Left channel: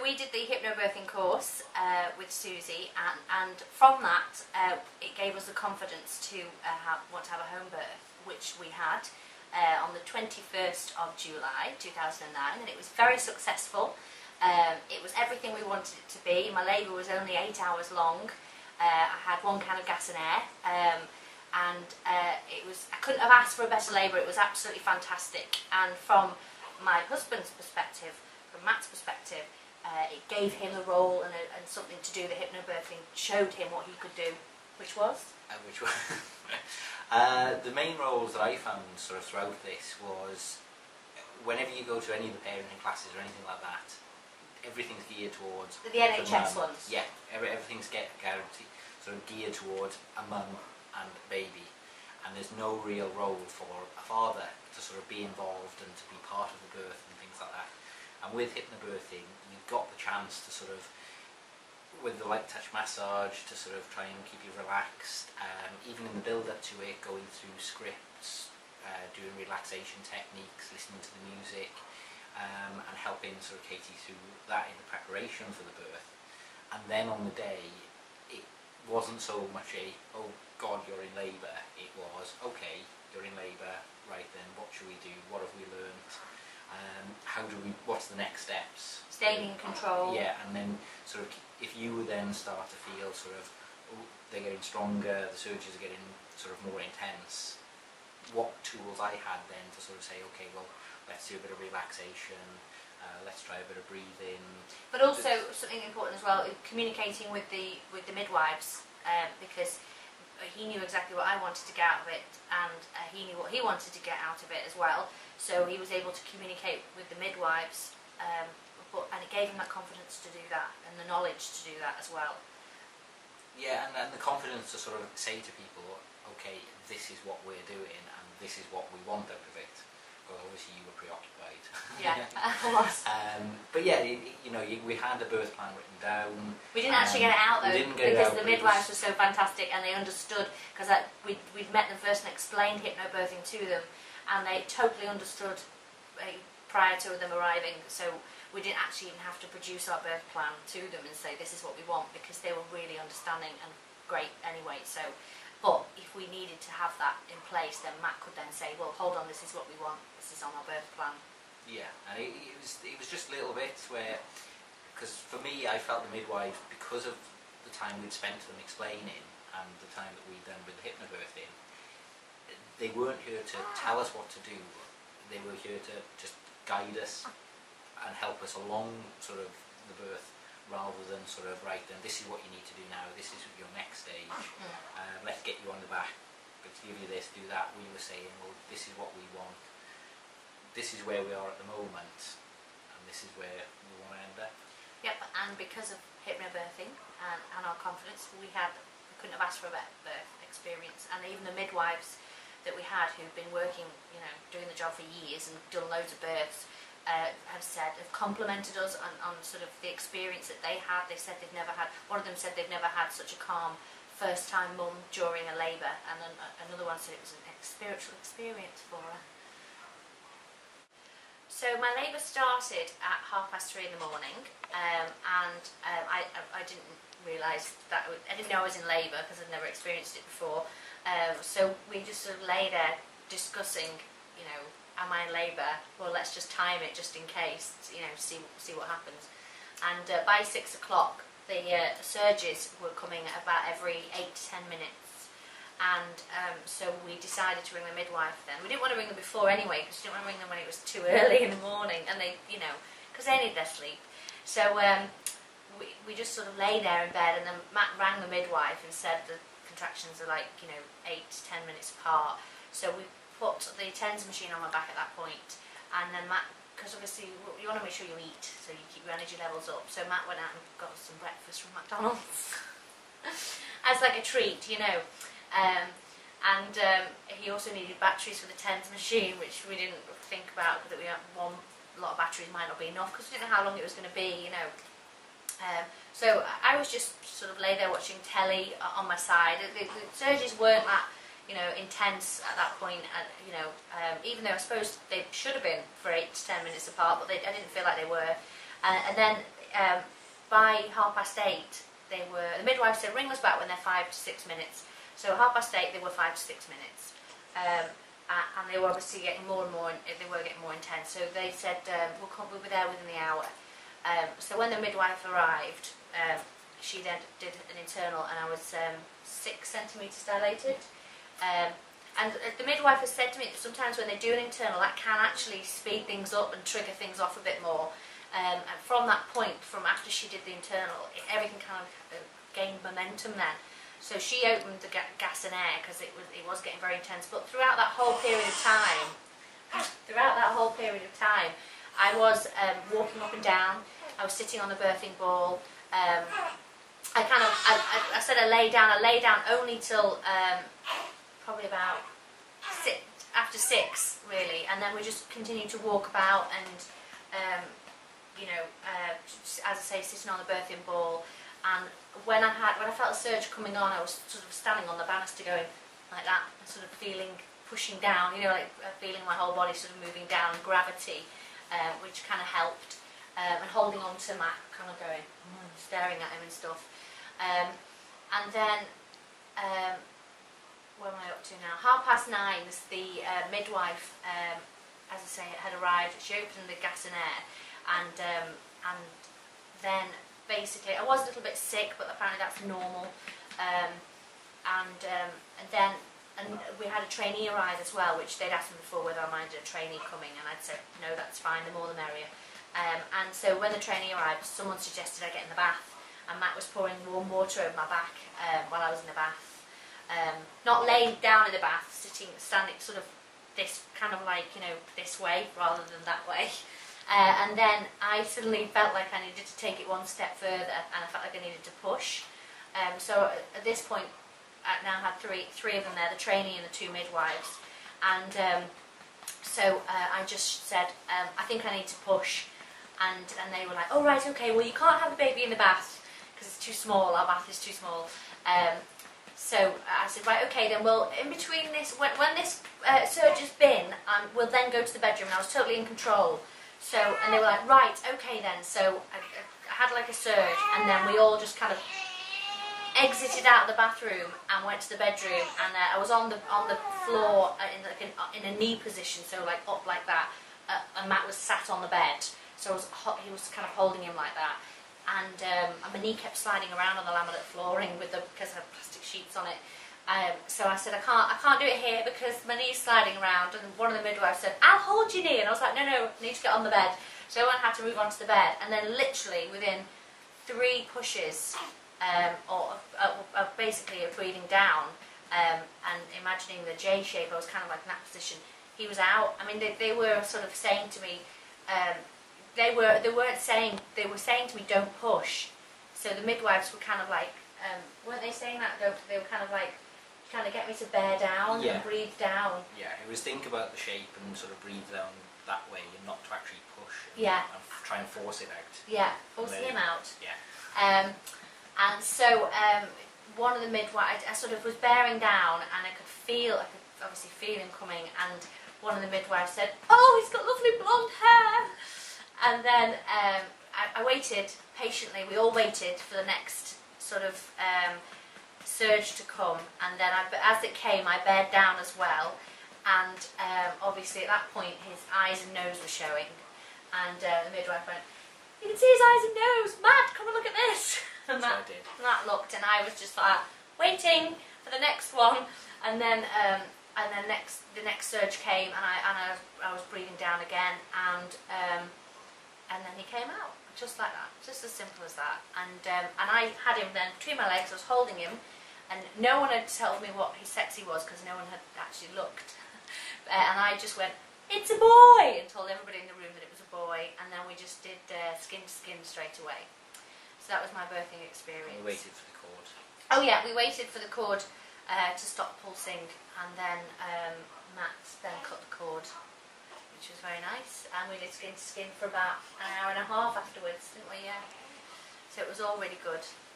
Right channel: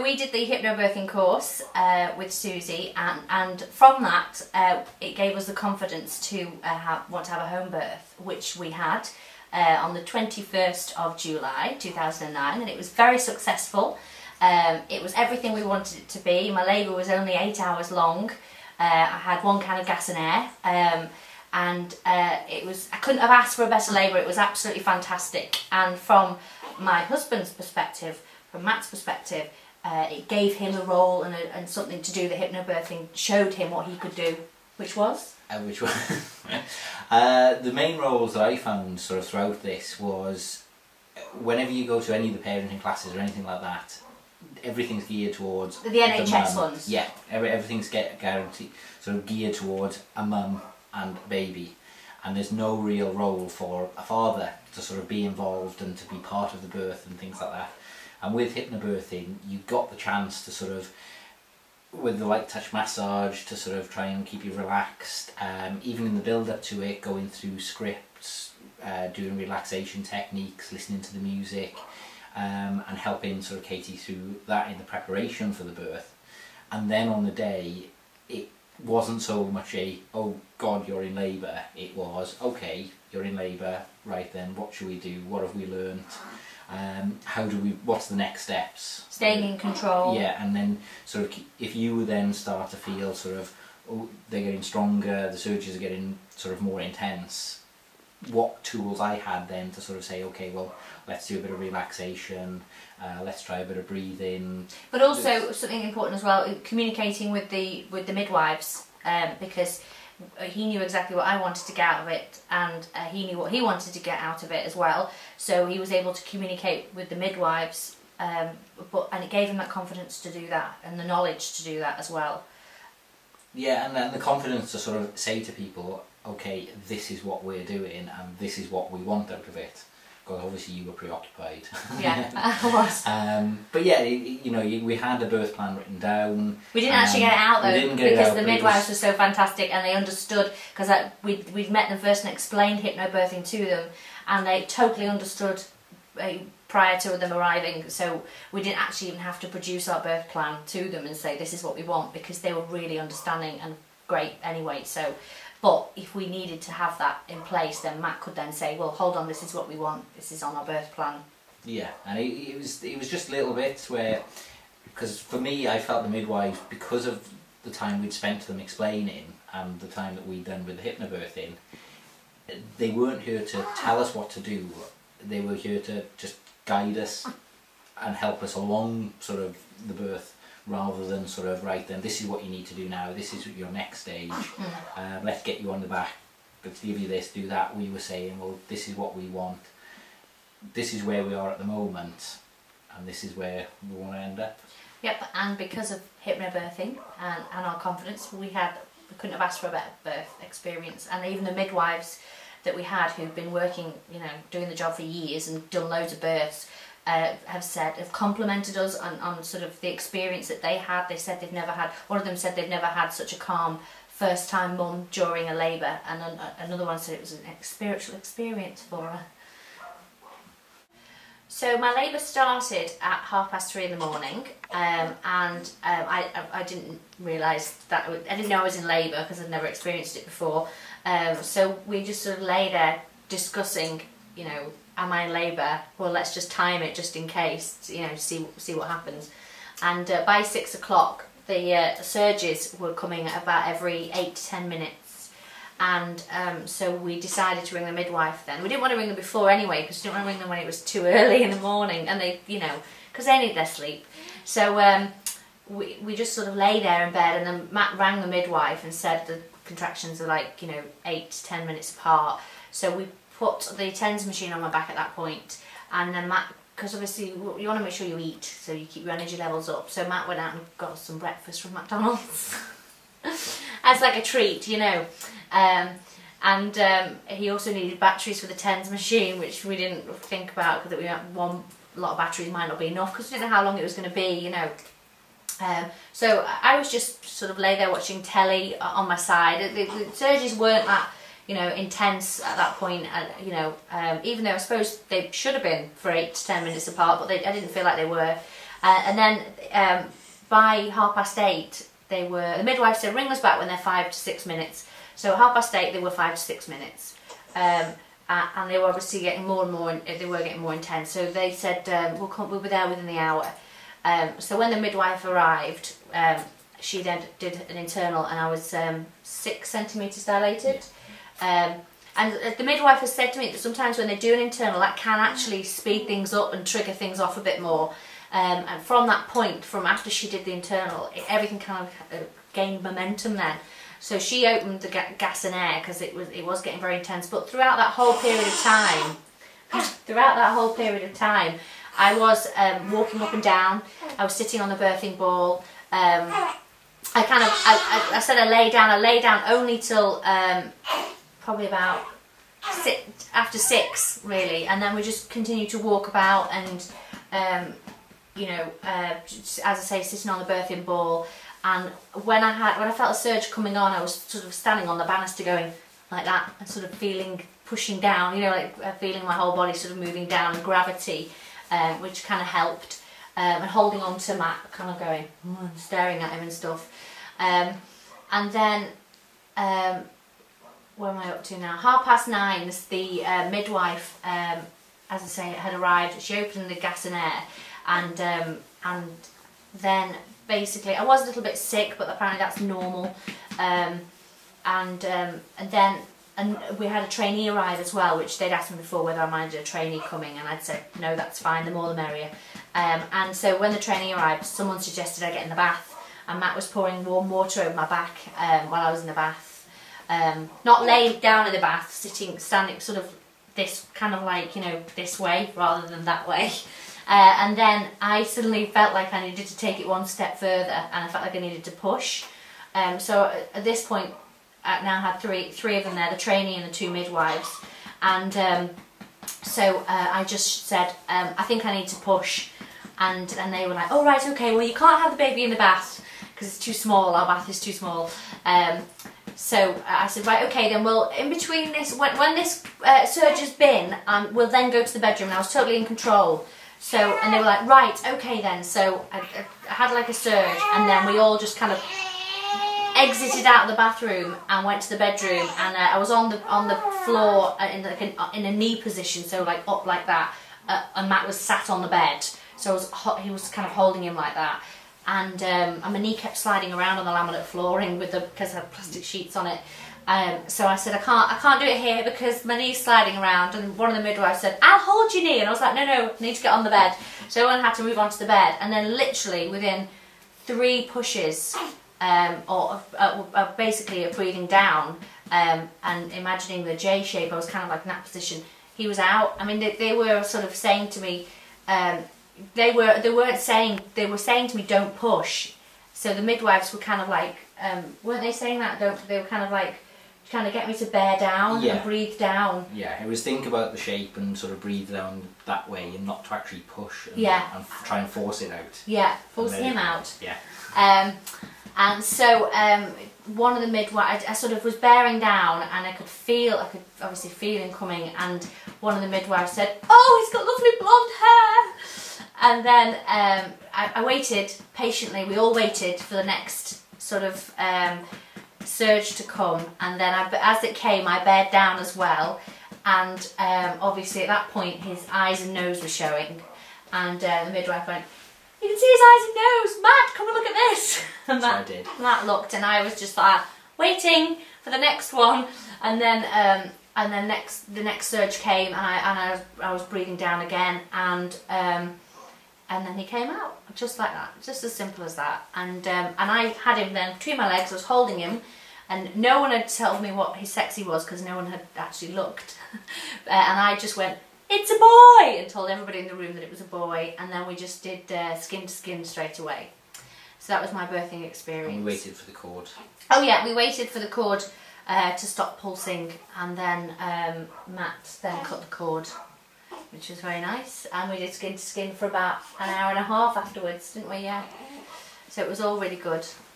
So we did the hypnobirthing course with Susie, and from that it gave us the confidence to want to have a home birth, which we had on the 21st of July 2009, and it was very successful. It was everything we wanted it to be. My labour was only 8 hours long. I had 1 can of gas and air, and it was, I couldn't have asked for a better labour. It was absolutely fantastic. And from my husband's perspective, from Matt's perspective, it gave him a role and something to do. The hypnobirthing showed him what he could do, which was? The main roles that I found sort of throughout this was, whenever you go to any of the parenting classes or anything like that, everything's geared towards the NHS ones. Yeah, everything's guaranteed, sort of geared towards a mum and a baby, and there's no real role for a father to sort of be involved and to be part of the birth and things like that. And with hypnobirthing, you got the chance to sort of, with the light touch massage, to sort of try and keep you relaxed, even in the build up to it, going through scripts, doing relaxation techniques, listening to the music, and helping sort of Katie through that in the preparation for the birth. And then on the day, it wasn't so much a, oh God, you're in labour. It was, okay, you're in labour, right then, what should we do? What have we learnt? How do we, what's the next steps? Staying in control. Yeah, and then sort of, if you then start to feel sort of, oh, they're getting stronger, the surges are getting sort of more intense, what tools I had then to sort of say, okay, well, let's do a bit of relaxation, let's try a bit of breathing. But also something important as well, communicating with the midwives, because he knew exactly what I wanted to get out of it, and he knew what he wanted to get out of it as well. So he was able to communicate with the midwives, and it gave him that confidence to do that, and the knowledge to do that as well. Yeah, and then the confidence to sort of say to people, okay, this is what we're doing, and this is what we want out of it. Because obviously you were preoccupied. Yeah, I was. But yeah, you know, we had a birth plan written down. We didn't actually get it out though, because the midwives were so fantastic, and they understood, because we'd met them first and explained hypnobirthing to them, and they totally understood prior to them arriving. So we didn't actually even have to produce our birth plan to them and say this is what we want, because they were really understanding and great anyway. So. But if we needed to have that in place, then Matt could then say, well, hold on, this is what we want, this is on our birth plan. Yeah, and it was just little bits where, because for me, I felt the midwives, because of the time we'd spent to them explaining and the time that we'd done with the hypnobirthing, they weren't here to tell us what to do, they were here to just guide us and help us along sort of the birth, rather than sort of, right then, this is what you need to do now, this is your next stage, let's get you on the back, let's give you this, do that. We were saying, well, this is what we want, this is where we are at the moment, and this is where we want to end up. Yep, and because of hypnobirthing and our confidence, we couldn't have asked for a better birth experience. And even the midwives that we had, who've been working, you know, doing the job for years and done loads of births, have complimented us on sort of the experience that they had. They said they've never had, one of them said they've never had such a calm first time mum during a labour, and another one said it was an spiritual experience for her. So my labour started at 3:30 in the morning, and I didn't realise that, I didn't know I was in labour because I'd never experienced it before. So we just sort of lay there discussing, you know, am I in labour? Well, let's just time it just in case, you know, see what happens. And by 6 o'clock, the surges were coming at about every 8 to 10 minutes. And so we decided to ring the midwife then. We didn't want to ring them before anyway, because we didn't want to ring them when it was too early in the morning, and they, you know, because they need their sleep. So we just sort of lay there in bed, and then Matt rang the midwife and said the contractions are like, you know, 8 to 10 minutes apart. So we put the TENS machine on my back at that point, and then Matt, because obviously you want to make sure you eat so you keep your energy levels up, so Matt went out and got some breakfast from McDonald's as like a treat, you know, and he also needed batteries for the TENS machine, which we didn't think about, because we had a lot of batteries might not be enough, because we didn't know how long it was going to be, you know. So I was just sort of lay there watching telly on my side. The surges weren't that, you know, intense at that point, you know, even though I suppose they should have been for 8 to 10 minutes apart, but I didn't feel like they were. And then by 8:30, the midwife said ring us back when they're 5 to 6 minutes. So at 8:30 they were 5 to 6 minutes. And they were obviously getting more and more, they were getting more intense. So they said we'll be there within the hour. So when the midwife arrived, she then did an internal, and I was 6 centimetres dilated. And the midwife has said to me that sometimes when they do an internal, that can actually speed things up and trigger things off a bit more. And from that point, from after she did the internal, everything kind of gained momentum then. So she opened the gas and air because it was getting very intense. But throughout that whole period of time, I was walking up and down. I was sitting on the birthing ball. I said I lay down. I lay down only till probably about after 6 really, and then we just continued to walk about and you know, as I say, sitting on the birthing ball. And when I felt a surge coming on, I was sort of standing on the banister going like that and sort of pushing down, you know, like feeling my whole body sort of moving down, gravity, which kind of helped, and holding on to Matt, kind of going, staring at him and stuff. And then, where am I up to now? 9:30, the midwife, as I say, had arrived. She opened the gas and air, and then basically I was a little bit sick, but apparently that's normal. And then we had a trainee arrive as well, which they'd asked me before whether I minded a trainee coming, and I'd said no, that's fine, the more the merrier. And so when the trainee arrived, someone suggested I get in the bath, and Matt was pouring warm water over my back while I was in the bath. Not laying down in the bath, standing sort of this kind of like, you know, this way rather than that way. And then I suddenly felt like I needed to take it one step further, and I felt like I needed to push. So at this point, I now had three of them there, the trainee and the 2 midwives. And so I just said, I think I need to push. And they were like, oh right, okay, well you can't have the baby in the bath because it's too small, our bath is too small. So I said, right, okay then, well in between this, when this surge has been, we'll then go to the bedroom, and I was totally in control. So, and they were like, right, okay then. So I had like a surge, and then we all just kind of exited out of the bathroom and went to the bedroom, and I was on the floor in a knee position, so like up like that, and Matt was sat on the bed, so he was kind of holding him like that, and my knee kept sliding around on the laminate flooring because I had plastic sheets on it. So I said, I can't do it here because my knee's sliding around, and one of the midwives said, I'll hold your knee, and I was like, no, I need to get on the bed. So everyone had to move onto the bed, and then literally within 3 pushes, basically breathing down, and imagining the J shape, I was kind of like in that position, he was out. I mean, they were sort of saying to me, they were saying to me, don't push. So the midwives were kind of like, weren't they saying that? They were kind of like, kind of get me to bear down, yeah, and breathe down. Yeah, it was think about the shape and sort of breathe down that way, and not to actually push and, yeah, and try and force it out. Yeah, force him out. Yeah. And so one of the midwives, I sort of was bearing down, and I could obviously feel him coming, and one of the midwives said, oh, he's got lovely blonde hair. And then I waited patiently, we all waited for the next sort of surge to come, and then as it came, I bared down as well, and obviously at that point his eyes and nose were showing, and the midwife went, you can see his eyes and nose, Matt, come and look at this. And I did. Matt looked, and I was just like waiting for the next one, and then the next surge came, and I was breathing down again, and then he came out just like that, just as simple as that. And I had him then between my legs, I was holding him, and no one had told me what his sexy was because no one had actually looked. And I just went, it's a boy, and told everybody in the room that it was a boy, and then we just did skin to skin straight away. So that was my birthing experience. And we waited for the cord. Oh yeah, we waited for the cord to stop pulsing, and then Matt then cut the cord, which was very nice, and we did skin to skin for about an hour and a half afterwards, didn't we? Yeah. So it was all really good.